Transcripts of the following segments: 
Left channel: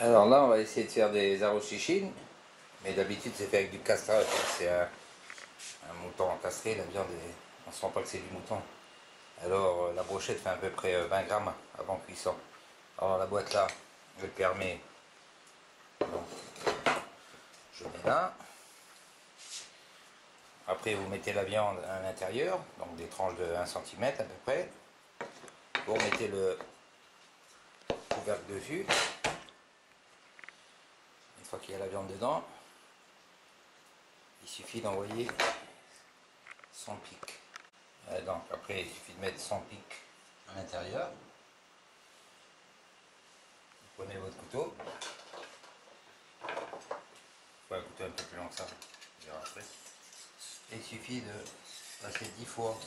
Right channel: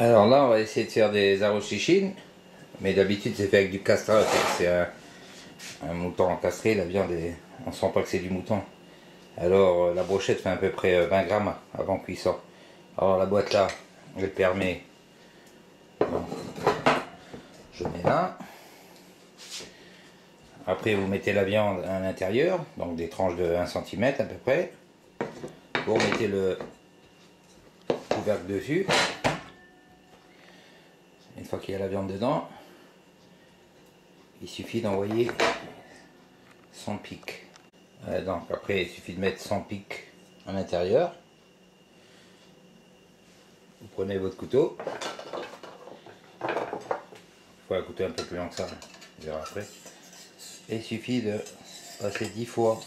Alors là, on va essayer de faire des arrostichin, mais d'habitude c'est fait avec du castrat. C'est un mouton castré, la viande est... on sent pas que c'est du mouton. Alors la brochette fait à peu près 20 grammes avant cuisson. Alors la boîte là, elle permet, bon, je mets là. Après vous mettez la viande à l'intérieur, donc des tranches de 1 cm à peu près. Vous remettez le couvercle dessus. Une fois qu'il y a la viande dedans, il suffit d'envoyer 100 pics. Donc après il suffit de mettre 100 pics à l'intérieur. Vous prenez votre couteau. Il faut un couteau un peu plus long que ça, on verra après. Et il suffit de passer 10 fois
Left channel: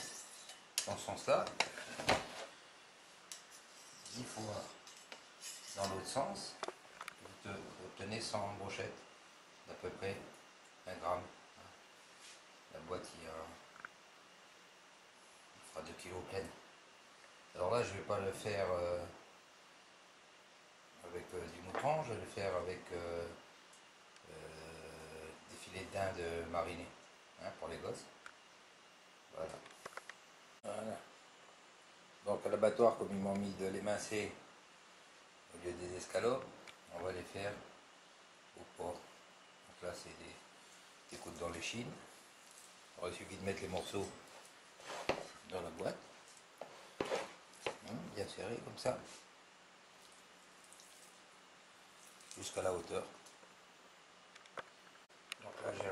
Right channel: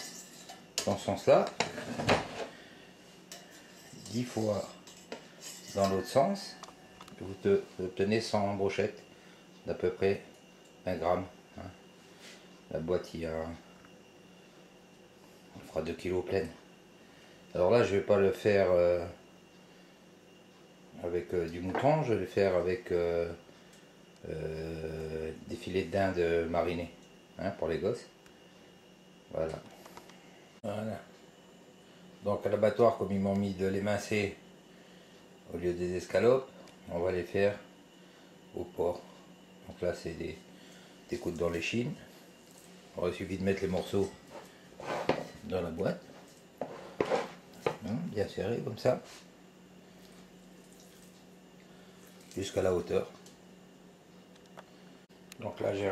dans ce sens-là, 10 fois dans l'autre sens. Vous obtenez 100 brochettes d'à peu près 1 gramme. La boîte, on fera 2 kg pleine. Alors là, je ne vais pas le faire avec du mouton, je vais le faire avec des filets de dinde marinés, pour les gosses. Voilà. Voilà. Donc à l'abattoir, comme ils m'ont mis de l'émincé au lieu des escalopes, on va les faire au porc. Donc là, c'est des coudes dans l'échine. Alors, il suffit de mettre les morceaux dans la boîte, bien serré comme ça, jusqu'à la hauteur. Donc là, j'ai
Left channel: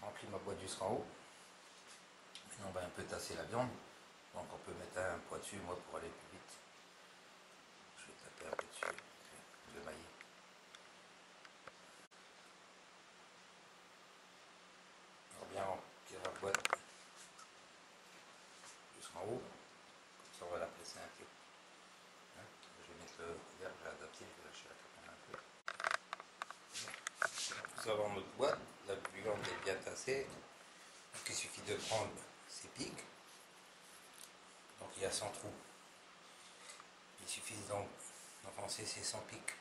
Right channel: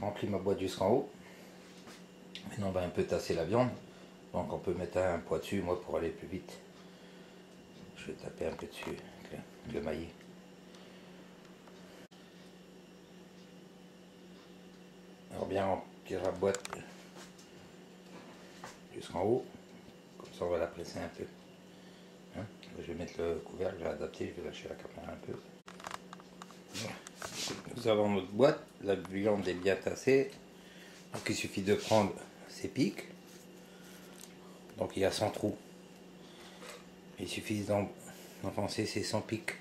rempli ma boîte jusqu'en haut. Maintenant, on va un peu tasser la viande. Donc on peut mettre un poids dessus, moi, pour aller plus vite. Je vais taper un peu dessus avec le maillet. Alors bien remplir la boîte jusqu'en haut. Comme ça, on va la presser un peu. Je vais mettre le couvercle, je vais adapter, je vais lâcher la caméra un peu. Nous avons notre boîte, la viande est bien tassée. Donc il suffit de prendre ces pics. Donc il y a 100 trous. Il suffit d'enfoncer ces 100 pics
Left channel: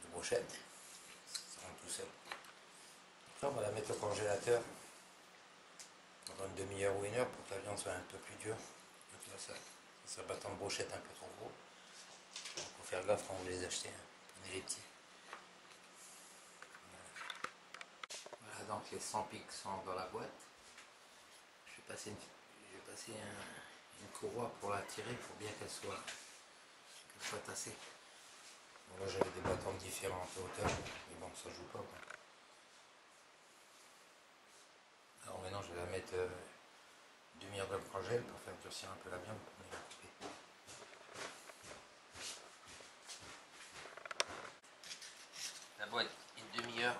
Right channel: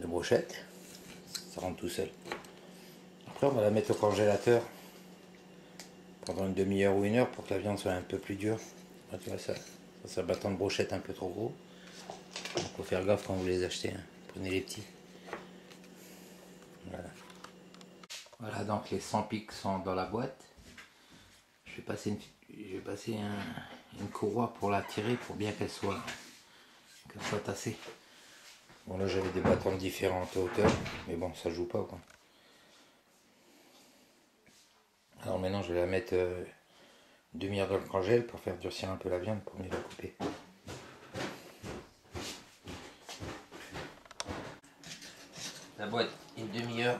de brochette. Ça rentre tout seul. Après on va la mettre au congélateur pendant une demi-heure ou 1 heure pour que la viande soit un peu plus dure. Donc là, ça c'est un bâton de brochette un peu trop gros. Il faut faire gaffe quand vous les achetez. Prenez les petits. Voilà. Voilà, donc les 100 pics sont dans la boîte. Je vais passer une courroie pour la tirer pour bien qu'elle soit tassée. Bon là j'avais des bâtons de différentes hauteurs, mais bon ça joue pas quoi. Alors maintenant je vais la mettre une demi-heure dans le congèle pour faire durcir un peu la viande pour mieux la couper. La boîte une demi-heure,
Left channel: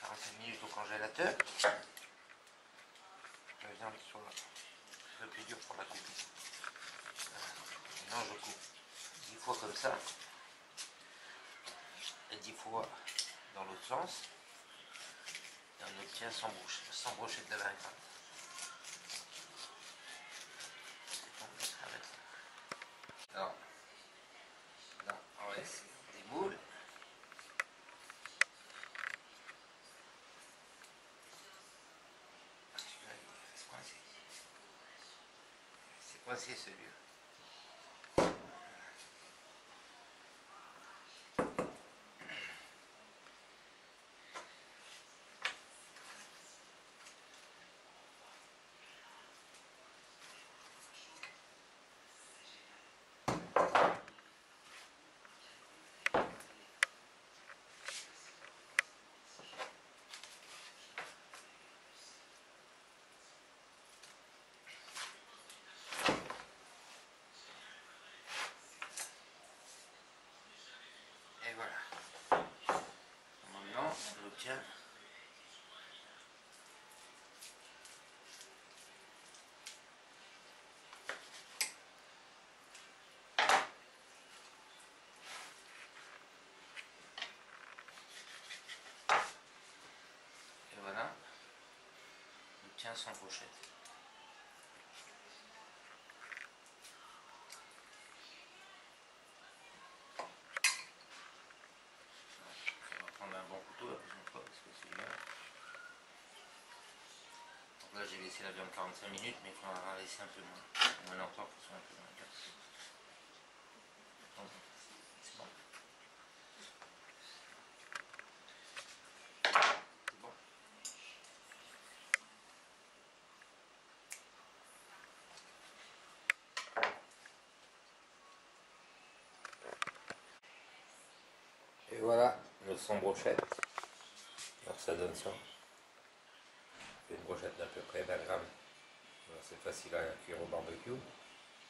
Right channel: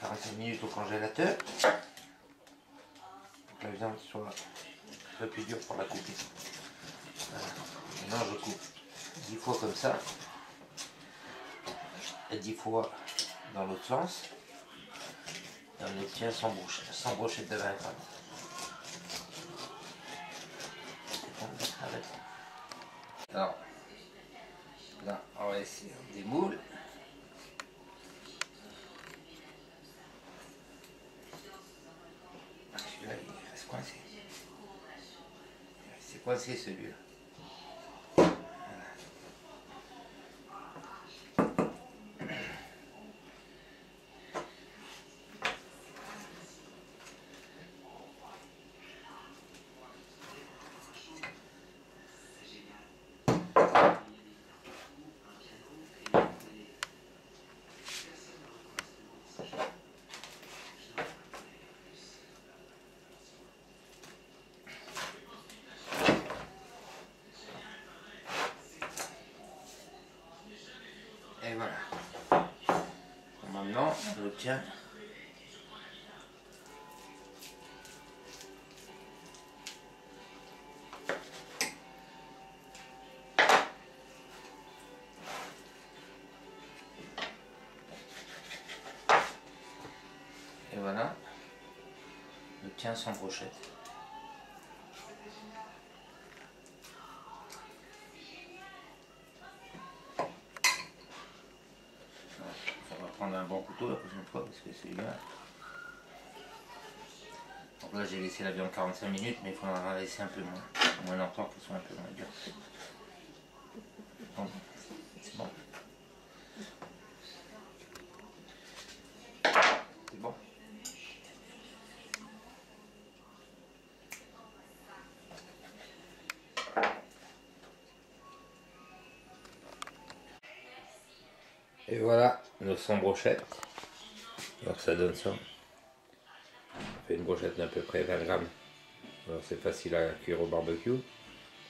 45 minutes au congélateur. Pour que la viande soit un peu plus dure pour la couper. Voilà. Maintenant je coupe 10 fois comme ça. Et 10 fois dans l'autre sens. Et on obtient 100 brochettes de 20 grammes. Alors, là, on va essayer des moules. Celui-là, il reste coincé. C'est coincé celui-là. Et voilà. Maintenant, on obtient et voilà, on obtient 100 brochettes. un bon couteau la prochaine fois parce que c'est bien. Donc là j'ai laissé la viande 45 minutes, mais il faudra laisser un peu moins longtemps pour que ce soit un peu moins dur. Donc c'est bon. C'est bon. Et voilà nos 100 brochettes. Alors ça donne ça. On fait une brochette d'à peu près 20 grammes. Alors c'est facile à cuire au barbecue.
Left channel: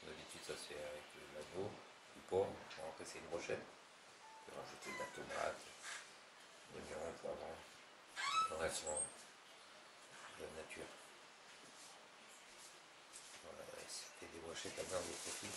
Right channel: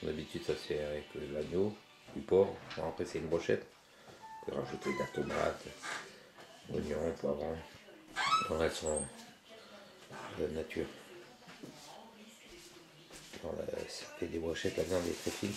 D'habitude ça se fait avec l'agneau, du porc. Bon, après c'est une brochette. On peut rajouter de la tomate, oignons, poivrons. Le reste sont de la nature. Voilà, ça fait des brochettes, la viande est très fine.